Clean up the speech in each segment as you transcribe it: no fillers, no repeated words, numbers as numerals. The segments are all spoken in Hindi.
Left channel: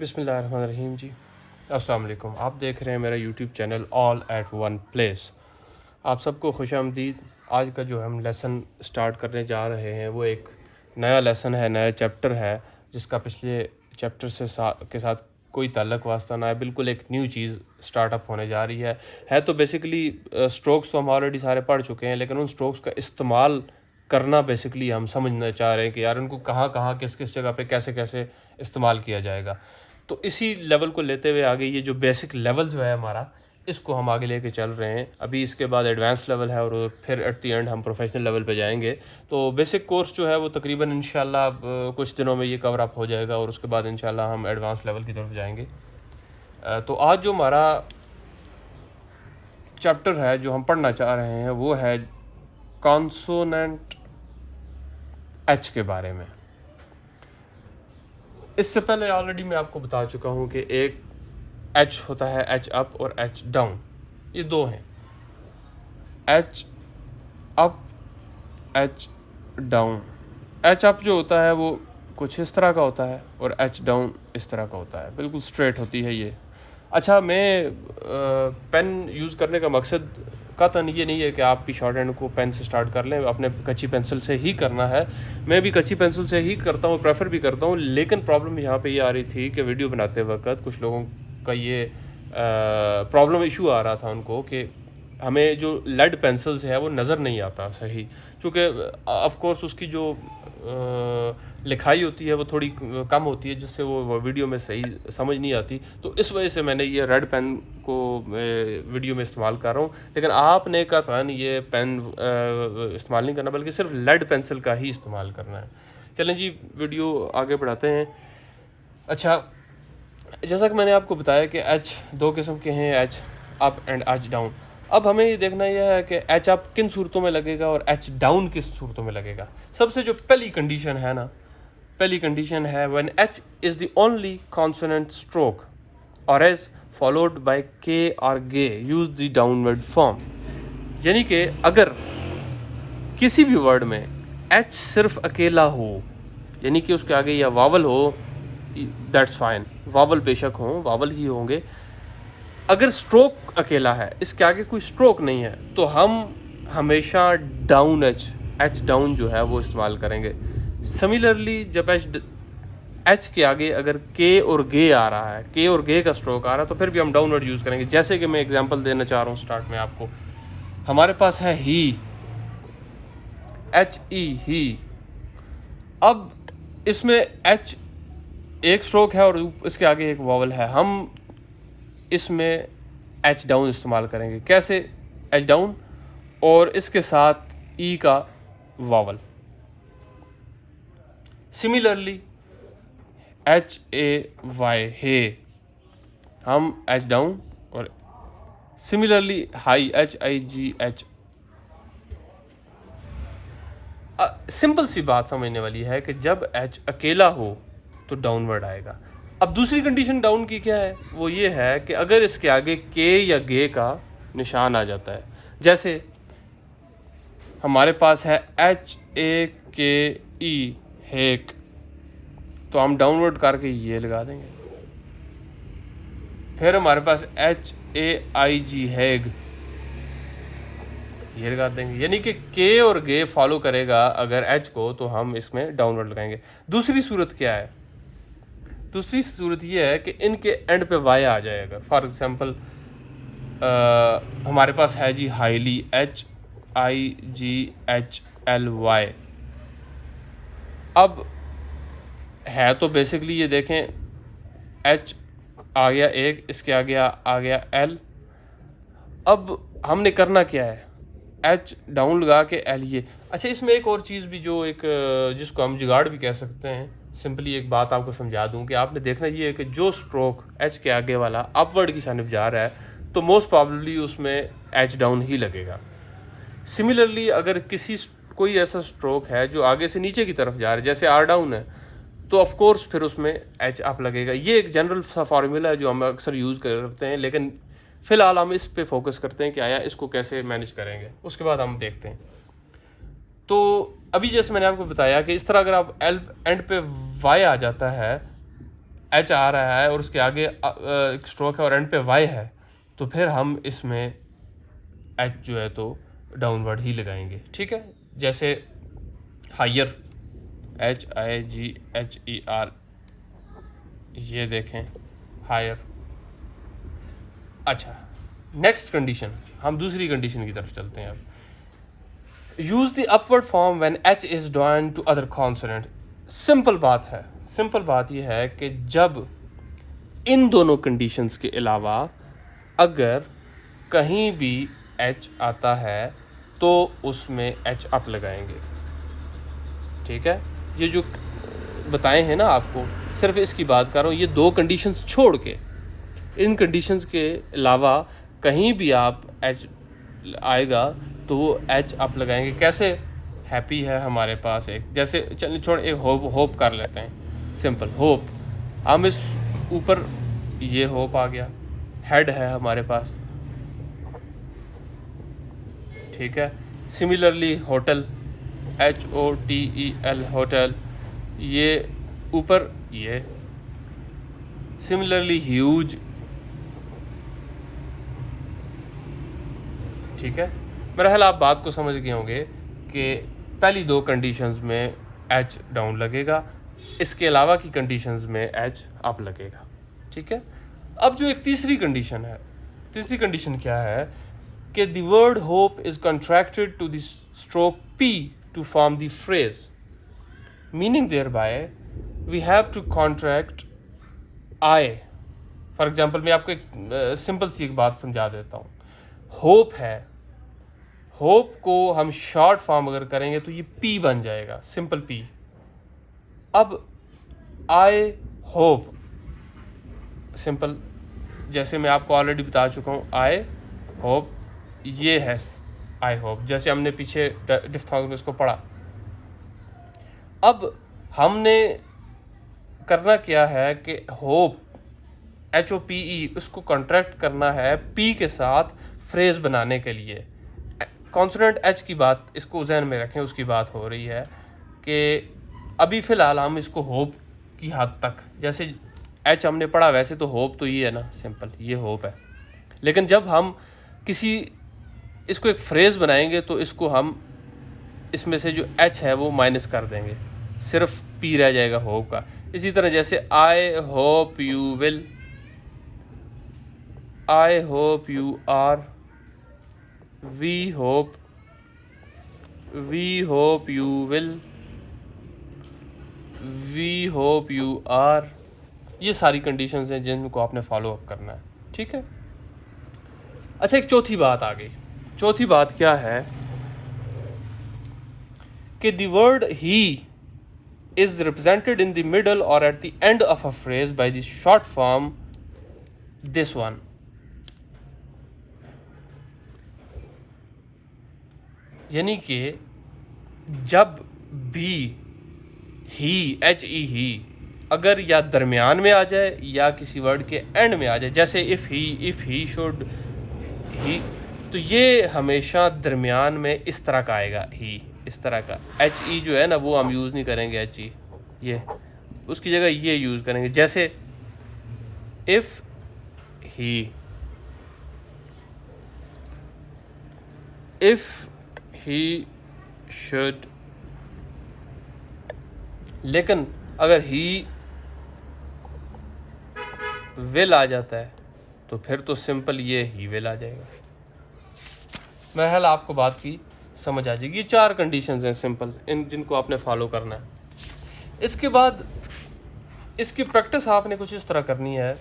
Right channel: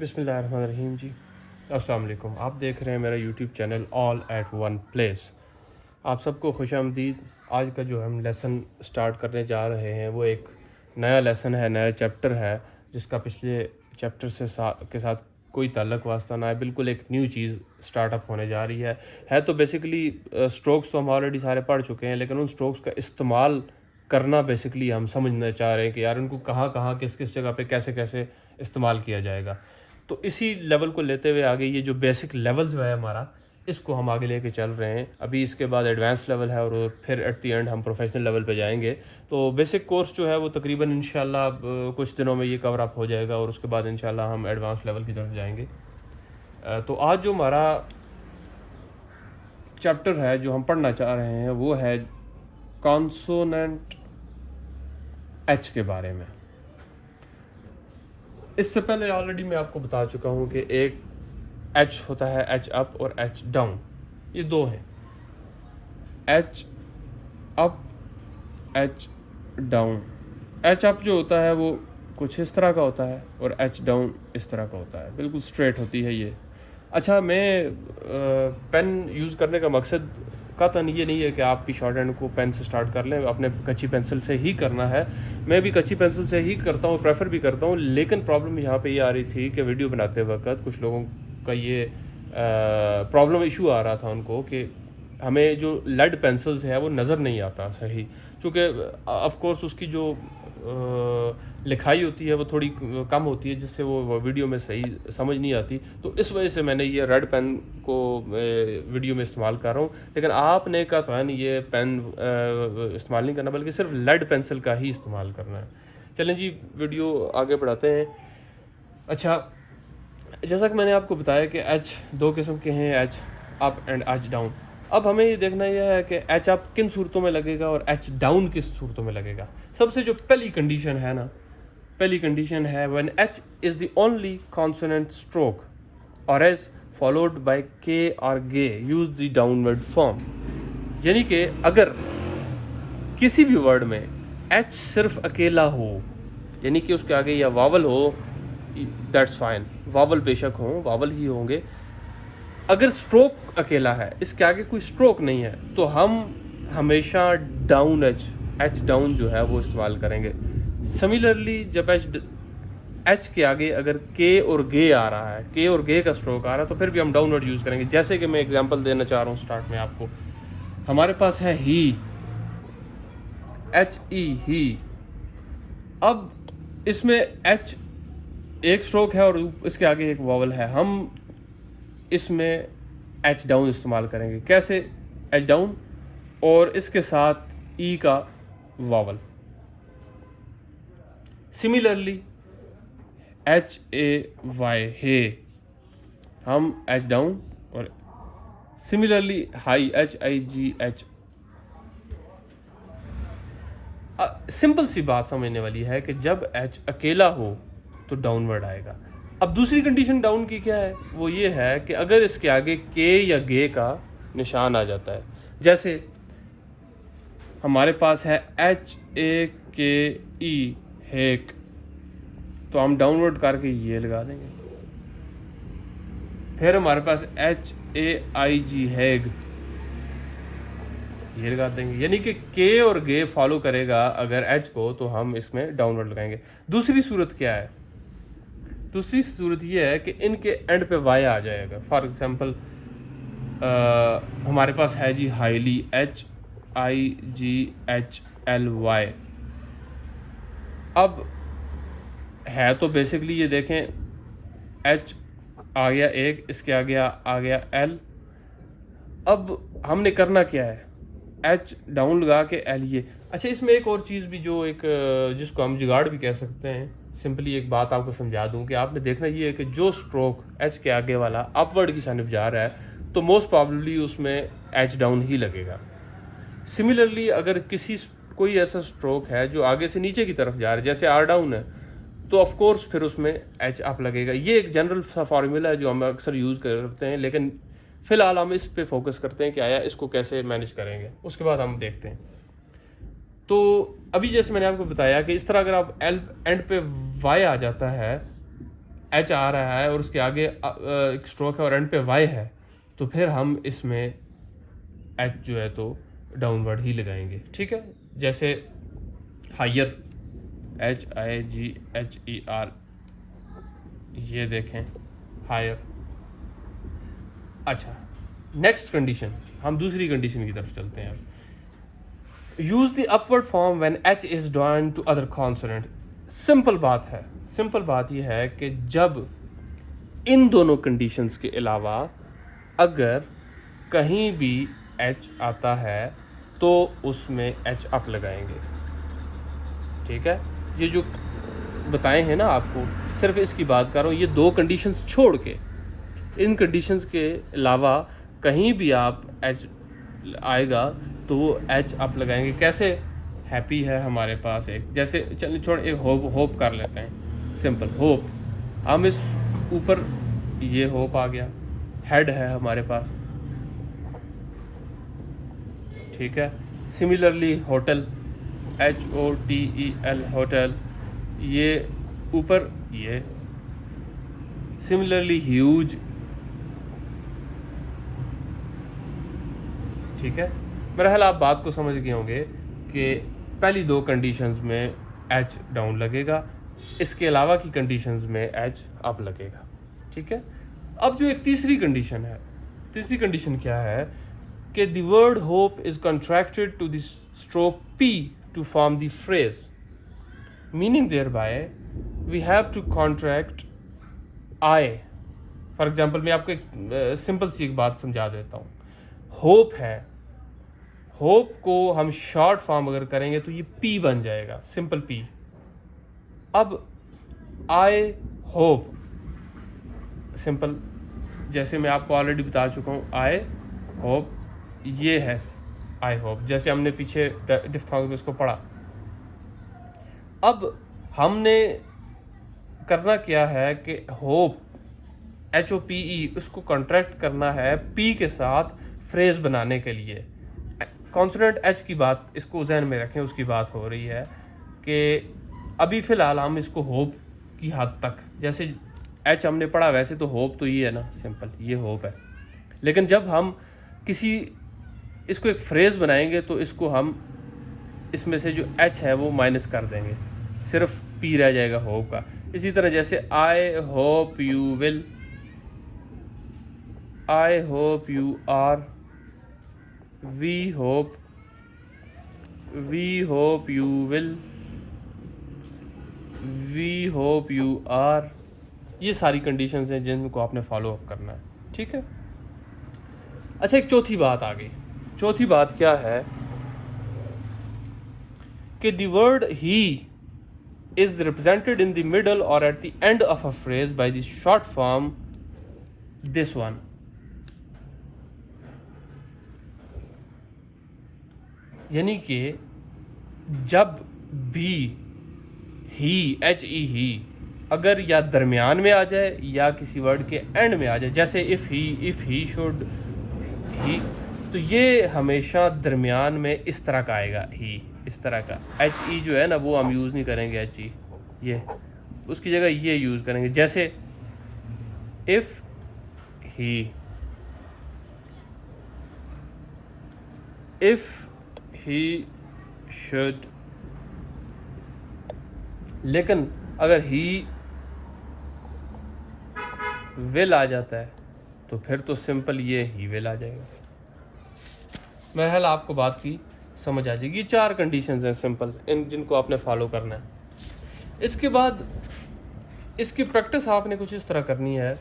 बिस्मिल्लाहिर्रहमानिर्रहीम जी। अस्सलाम वालेकुम। आप देख रहे हैं मेरा YouTube channel all at one place. आप सबको खुशामदीद। आज का जो हम लेसन स्टार्ट करने जा रहे हैं वो एक नया लेसन है, नया चैप्टर है, जिसका पिछले चैप्टर के साथ कोई ताल्लुक वास्ता ना है। बिल्कुल एक न्यू चीज़ स्टार्टअप होने जा रही है तो बेसिकली स्ट्रोक्स तो हम ऑलरेडी सारे पढ़ चुके हैं, लेकिन उन स्ट्रोक्स का इस्तेमाल करना बेसिकली हम समझना चाह रहे हैं कि यार उनको कहाँ कहाँ किस किस जगह पे कैसे कैसे इस्तेमाल किया जाएगा। तो इसी लेवल को लेते हुए आगे ये जो बेसिक लेवल जो है हमारा, इसको हम आगे लेके चल रहे हैं। अभी इसके बाद एडवांस लेवल है और फिर एट द एंड हम प्रोफेशनल लेवल पे जाएंगे। तो बेसिक कोर्स जो है वो तकरीबन इंशाल्लाह अब कुछ दिनों में ये कवर अप हो जाएगा और उसके बाद इंशाल्लाह हम एडवांस लेवल की तरफ जाएंगे। तो आज जो हमारा चैप्टर है जो हम पढ़ना चाह रहे हैं वो है कॉन्सोनेंट एच के बारे में। इससे पहले ऑलरेडी मैं आपको बता चुका हूँ कि एक एच होता है एच अप और एच डाउन, ये दो हैं। H up, H down. H up जो होता है वो कुछ इस तरह का होता है और एच डाउन इस तरह का होता है, बिल्कुल स्ट्रेट होती है ये। अच्छा, मैं पेन यूज़ करने का मकसद कतन ये नहीं है कि आप भी शॉर्ट हैंड को पेन से स्टार्ट कर लें, अपने कच्ची पेंसिल से ही करना है। मैं भी कच्ची पेंसिल से ही करता हूँ, प्रेफर भी करता हूँ, लेकिन प्रॉब्लम यहाँ पे ये आ रही थी कि वीडियो बनाते वक्त कुछ लोगों का ये प्रॉब्लम इशू आ रहा था उनको कि हमें जो लेड पेंसिल्स है वो नज़र नहीं आता सही, क्योंकि ऑफ कोर्स उसकी जो लिखाई होती है वो थोड़ी कम होती है, जिससे वो वीडियो में सही समझ नहीं आती। तो इस वजह से मैंने ये रेड पेन को वीडियो में इस्तेमाल कर रहा हूँ। लेकिन आपने कतई ये पेन इस्तेमाल नहीं करना, बल्कि सिर्फ लेड पेंसिल का ही इस्तेमाल करना है। चलें जी, वीडियो आगे बढ़ाते हैं। अच्छा, जैसा कि मैंने आपको बताया कि एच दो किस्म के हैं, H up and H down. अब हमें ये देखना यह है कि एच अप किन सूरतों में लगेगा और एच डाउन किस सूरतों में लगेगा। सबसे जो पहली कंडीशन है ना, पहली कंडीशन है when H is the only consonant stroke और एज फॉलोड बाय के और गे यूज द डाउनवर्ड फॉर्म। यानी कि अगर किसी भी वर्ड में एच सिर्फ अकेला हो, यानी कि उसके आगे या वावल हो, दैट्स फाइन, वावल बेशक हो, वावल ही होंगे। अगर स्ट्रोक अकेला है, इसके आगे कोई स्ट्रोक नहीं है, तो हम हमेशा डाउन एच डाउन जो है वो इस्तेमाल करेंगे। सिमिलरली जब एच के आगे अगर के और गे आ रहा है, के और गे का स्ट्रोक आ रहा है, तो फिर भी हम डाउनवर्ड यूज़ करेंगे। जैसे कि मैं एग्जांपल देना चाह रहा हूँ स्टार्ट में आपको। हमारे पास है ही, एच ई ही। अब इसमें एच एक स्ट्रोक है और इसके आगे एक वावल है। हम इसमें एच डाउन इस्तेमाल करेंगे। कैसे? एच डाउन और इसके साथ ई का vowel. Similarly H A Y, hey, हम एच डाउन, और similarly high, H I G H. Simple सी बात समझने वाली है कि जब एच अकेला हो तो डाउनवर्ड आएगा। अब दूसरी कंडीशन डाउन की क्या है? वो ये है कि अगर इसके आगे के या गे का निशान आ जाता है, जैसे हमारे पास है एच ए के ई, हेक, तो हम डाउनवर्ड करके ये लगा देंगे। फिर हमारे पास एच ए आई जी, हैग, ये लगा देंगे। यानी कि के और गे फॉलो करेगा अगर एच को, तो हम इसमें डाउनवर्ड लगाएंगे। दूसरी सूरत क्या है? दूसरी सूरत ये है कि इनके एंड पे वाई आ जाएगा। फॉर एग्जांपल हमारे पास है जी highly, H I G H L Y. अब है तो बेसिकली ये देखें, एच आ गया एक, इसके आगे आ गया एल। अब हमने करना क्या है? एच डाउन लगा के एल ये। अच्छा, इसमें एक और चीज़ भी जो एक जिसको हम जुगाड़ भी कह सकते हैं, सिंपली एक बात आपको समझा दूं कि आपने देखना ये है कि जो स्ट्रोक एच के आगे वाला अपवर्ड की जानिब जा रहा है, तो मोस्ट प्रॉब्लली उसमें एच डाउन ही लगेगा। सिमिलरली अगर कोई ऐसा स्ट्रोक है जो आगे से नीचे की तरफ जा रहा है, जैसे आर डाउन है, तो ऑफ कोर्स फिर उसमें एच अप लगेगा। ये एक जनरल सा फार्मूला है जो हम अक्सर यूज़ करते हैं, लेकिन फ़िलहाल हम इस पे फोकस करते हैं कि आया इसको कैसे मैनेज करेंगे, उसके बाद हम देखते हैं। तो अभी जैसे मैंने आपको बताया कि इस तरह अगर आप एंड पे वाई आ जाता है, एच आ रहा है और उसके आगे एक स्ट्रोक है और एंड पे वाई है, तो फिर हम इसमें एच जो है तो डाउनवर्ड ही लगाएंगे, ठीक है। जैसे हायर, HIGHER, ये देखें हायर। अच्छा, नेक्स्ट कंडीशन, हम दूसरी कंडीशन की तरफ चलते हैं अब। Use the upward form when H is joined to other consonant. Simple बात है, सिंपल बात यह है कि जब इन दोनों कंडीशंस के अलावा अगर कहीं भी एच आता है तो उसमें एच अप लगाएंगे, ठीक है। ये जो बताए हैं ना आपको, सिर्फ इसकी बात कर रहा हूँ, ये दो कंडीशंस छोड़ के, इन कंडीशंस के अलावा कहीं भी आप एच आएगा तो वो एच अप लगाएंगे। कैसे? हैप्पी है हमारे पास एक, जैसे चलिए छोड़, एक होप कर लेते हैं, सिंपल होप। हम इस ऊपर ये होप आ गया, हेड है हमारे पास, ठीक है। सिमिलरली होटल, HOTEL होटल, ये ऊपर ये। सिमिलरली ह्यूज, ठीक है। मेरा ख्याल आप बात को समझ गए होंगे कि पहली दो कंडीशंस में एच डाउन लगेगा, इसके अलावा की कंडीशंस में एच अप लगेगा, ठीक है। अब जो एक तीसरी कंडीशन है, तीसरी कंडीशन क्या है कि the word hope is contracted to the stroke P to form the phrase, meaning thereby we have to contract I. For example मैं आपको एक सिंपल सी एक बात समझा देता हूँ। होप है, होप को हम शॉर्ट फॉर्म अगर करेंगे तो ये P बन जाएगा, सिंपल P। अब आई होप, सिंपल, जैसे मैं आपको ऑलरेडी बता चुका हूँ, आई होप, ये है आई होप, जैसे हमने पीछे डिफ्थॉन्ग में इसको पढ़ा। अब हमने करना क्या है कि होप, HOPE, उसको कॉन्ट्रैक्ट करना है P के साथ फ्रेज बनाने के लिए। कॉन्सोनेंट H की बात इसको जहन में रखें, उसकी बात हो रही है कि अभी फ़िलहाल हम इसको होप की हद तक, जैसे H हमने पढ़ा वैसे तो होप तो ये है ना, सिंपल ये होप है। लेकिन जब हम किसी इसको एक फ्रेज बनाएंगे तो इसको हम इसमें से जो H है वो माइनस कर देंगे, सिर्फ P रह जाएगा होप का। इसी तरह जैसे I hope you will, I hope you are, we hope you will, we hope you are, ये सारी कंडीशंस हैं जिनको आपने फॉलो अप करना है, ठीक है। अच्छा, एक चौथी बात आ गई। चौथी बात क्या है कि the word he is represented in the middle or at the end of a phrase by the short form this one. यानी कि जब भी ही, HE अगर या दरमियान में आ जाए या किसी वर्ड के एंड में आ जाए, जैसे इफ़ ही शुड ही, तो ये हमेशा दरमियान में इस तरह का आएगा, ही इस तरह का। HE जो है ना वो हम यूज़ नहीं करेंगे, HE ये, उसकी जगह ये यूज़ करेंगे। जैसे इफ़ ही शुड, लेकिन अगर ही विल आ जाता है तो फिर तो सिंपल ये ही विल आ जाएगा। मेरा ख्याल आपको बात की समझ आ जाएगी। ये चार कंडीशंस हैं सिंपल, इन जिनको आपने फॉलो करना है। इसके बाद इसकी प्रैक्टिस आपने कुछ इस तरह करनी है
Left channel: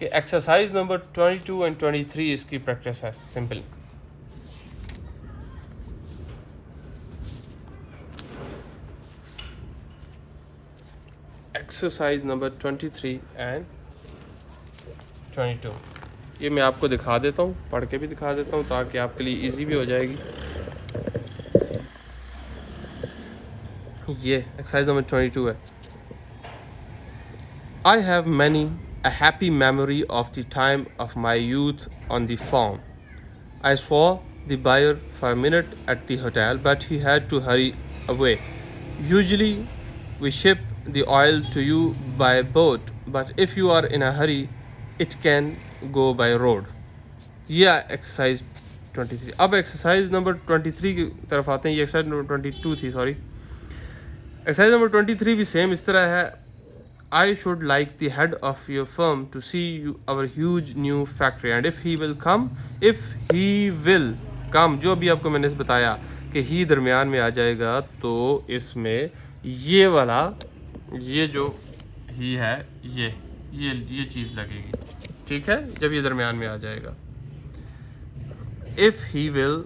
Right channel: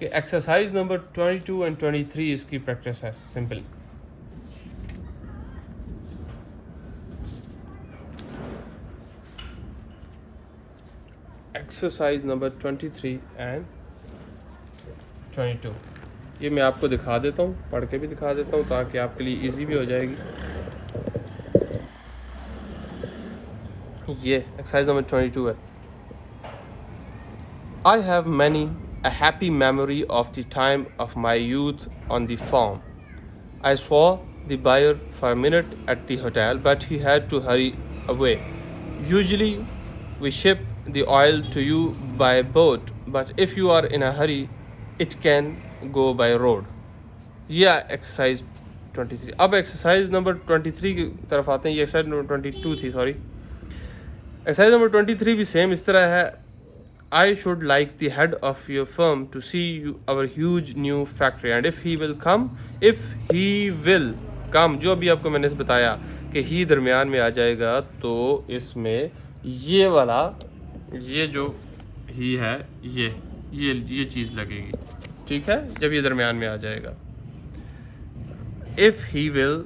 कि एक्सरसाइज नंबर 22 एंड 23 इसकी प्रैक्टिस है, सिंपल। एक्सरसाइज नंबर 23 एंड 22 ये मैं आपको दिखा देता हूँ, पढ़ के भी दिखा देता हूँ ताकि आपके लिए इजी भी हो जाएगी। ये एक्सरसाइज नंबर 22 है। I have many a happy memory of the time of my youth on the farm. I saw the buyer for a minute at the hotel, but he had to hurry away. Usually we ship the oil to you by boat, but if you are in a hurry, it can go by road. ये एक्सरसाइज 23। अब एक्सरसाइज नंबर 23 की तरफ आते हैं। ये एक्सरसाइज नंबर 22 थी, सॉरी। एक्सरसाइज नंबर 23 भी सेम इस तरह है। I should like the head of your firm to see our huge new factory, and if he will come, जो अभी आपको मैंने बताया कि ही दरमियान में आ जाएगा, तो इसमें ये वाला, ये जो ही है, ये चीज़ लगेगी, ठीक है, जब ये दरमियान में आ जाएगा। If he will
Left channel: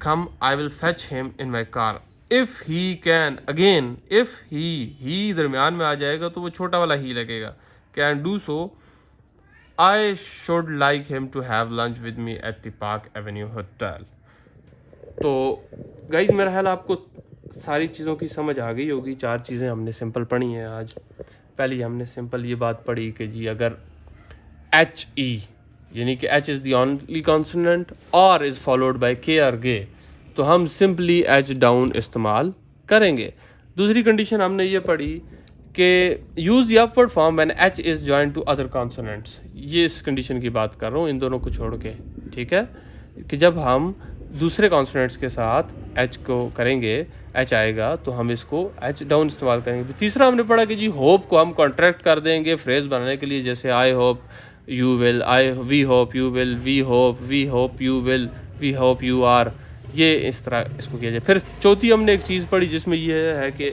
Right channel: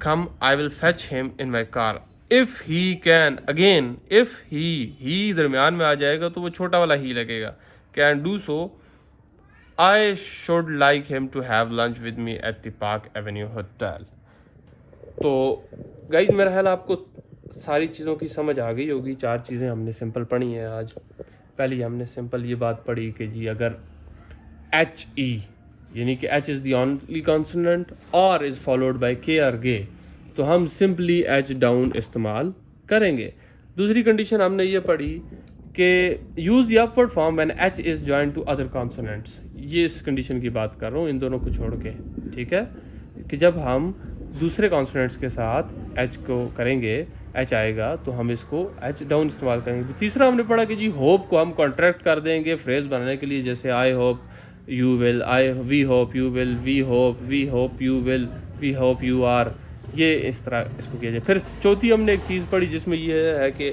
come, I will fetch him in my car. If he can, again if he दरमियान में आ जाएगा तो वो छोटा वाला ही लगेगा, can do so. I should like him to have lunch with me at the Park Avenue Hotel. तो गाइस मेरा ख्याल आपको सारी चीज़ों की समझ आ गई होगी। 4 चीज़ें हमने सिंपल पढ़ी हैं आज। पहली हमने सिंपल ये बात पढ़ी कि जी अगर HE यानी कि H is the only consonant और इज़ फॉलोड बाय K और G, तो हम सिंपली H डाउन इस्तेमाल करेंगे। दूसरी कंडीशन हमने ये पढ़ी कि use the upward form when H is joined to other consonants. ये इस कंडीशन की बात कर रहा हूँ, इन दोनों को छोड़ के, ठीक है, कि जब हम दूसरे कॉन्सोनेंट्स के साथ H को करेंगे, H आएगा, तो हम इसको H डाउन इस्तेमाल करेंगे। तीसरा हमने पढ़ा कि जी होप को हम कॉन्ट्रैक्ट कर देंगे फ्रेज़ बनाने के लिए, जैसे I hope you will, we hope you will, we hope you will, we hope you are, ये इस तरह इसको किया जाए। फिर चौथी हमने एक चीज़ पढ़ी जिसमें ये है कि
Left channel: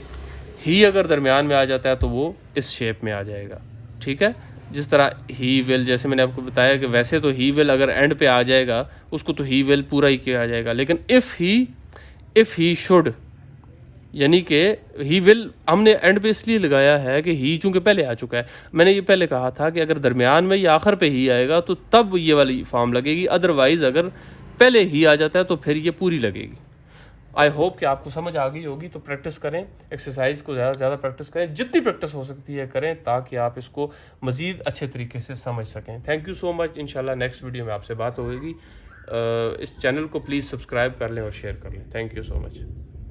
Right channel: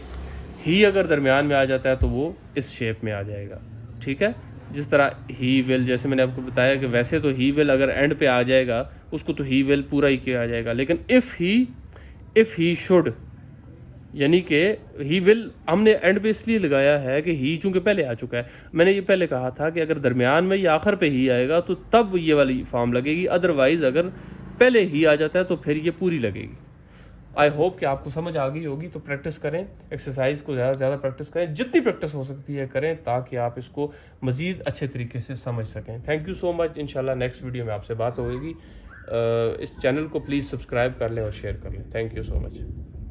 ही अगर दरमियान में आ जाता है तो वो इस शेप में आ जाएगा, ठीक है, जिस तरह ही विल, जैसे मैंने आपको बताया कि वैसे तो ही विल अगर एंड पे आ जाएगा उसको तो ही विल पूरा ही किया जाएगा, लेकिन इफ़ ही शुड यानी कि ही विल हमने एंड पे इसलिए लगाया है कि ही चूँकि पहले आ चुका है। मैंने ये पहले कहा था कि अगर दरमियान में या आखिर पे ही आएगा तो तब ये वाली फॉर्म लगेगी, अदरवाइज़ अगर पहले ही आ जाता है तो फिर ये पूरी लगेगी। आई होप कि आपको समझ आ गई होगी। तो प्रैक्टिस करें, एक्सरसाइज को ज़्यादा से ज़्यादा प्रैक्टिस करें, जितनी प्रैक्टिस हो सकती है करें, ताकि आप इसको मज़ीद अच्छे तरीके से समझ सकें। Thank you so much. इंशाल्लाह नेक्स्ट वीडियो में आपसे बात होगी। इस चैनल को प्लीज़ सब्सक्राइब कर लें और शेयर कर लें। Thank you so much.